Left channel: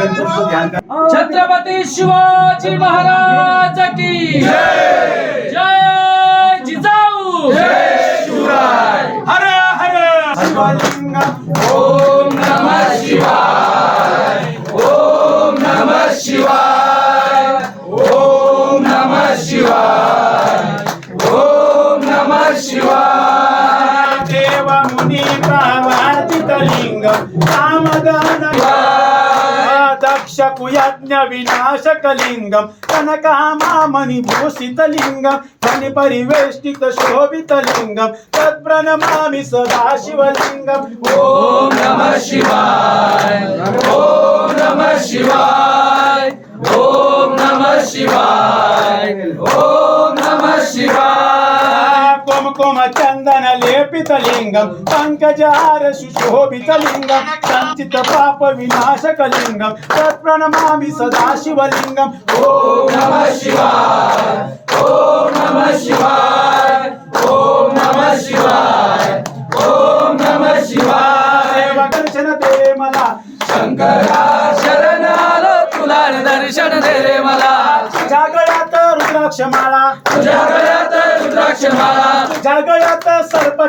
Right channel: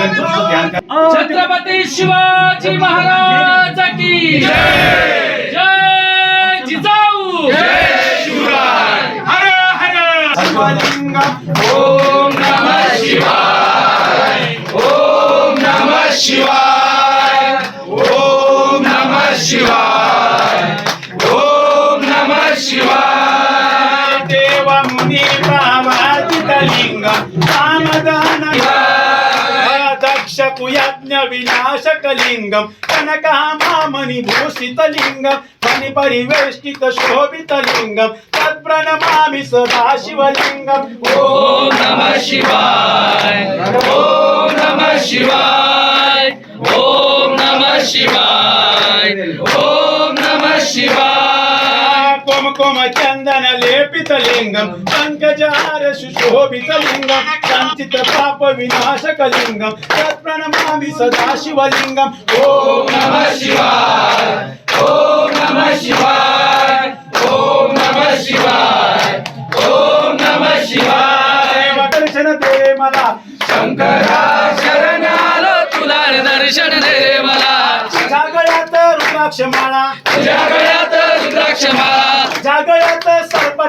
गणपतीचं ध्यान करा. छत्रपती शिवाजी महाराज की जय. जय जिजाऊ. हर हर शिवलिंगम. ओम नमः शिवाय. ओम नमः शिवाय. ओम नमः शिवाय. ओम नमः शिवाय. देव मुनी प्रवादित लिंगम सामदान दक्ष कुयज्ञ विनाशक लिंगम कनकामामणि भूषित लिंगम धनि परिवेष्टित शोभित लिंगम तत्प्रणमामि सदा शिवलिंगम. ओम नमः शिवाय. ओम नमः शिवाय. ओम नमः शिवाय. ओम नमः शिवाय. कुमकुम चंदन लेपित लिंगम पंकजार सुशोभित लिंगम संचित पाप विनाशक लिंगम तत्प्रणमामि सदा शिवलिंगम. ओम नमः शिवाय. ओम नमः शिवाय. ओम नमः शिवाय. ओम नमः शिवाय. दर्शन दे मला शंकरा शरण आलो तुला दर्शन दे रे मला. जागळ्यात रुद्राक्ष माळा तुझ्या गळ्यात रुद्राक्ष माळा. जागळ्यात सर्प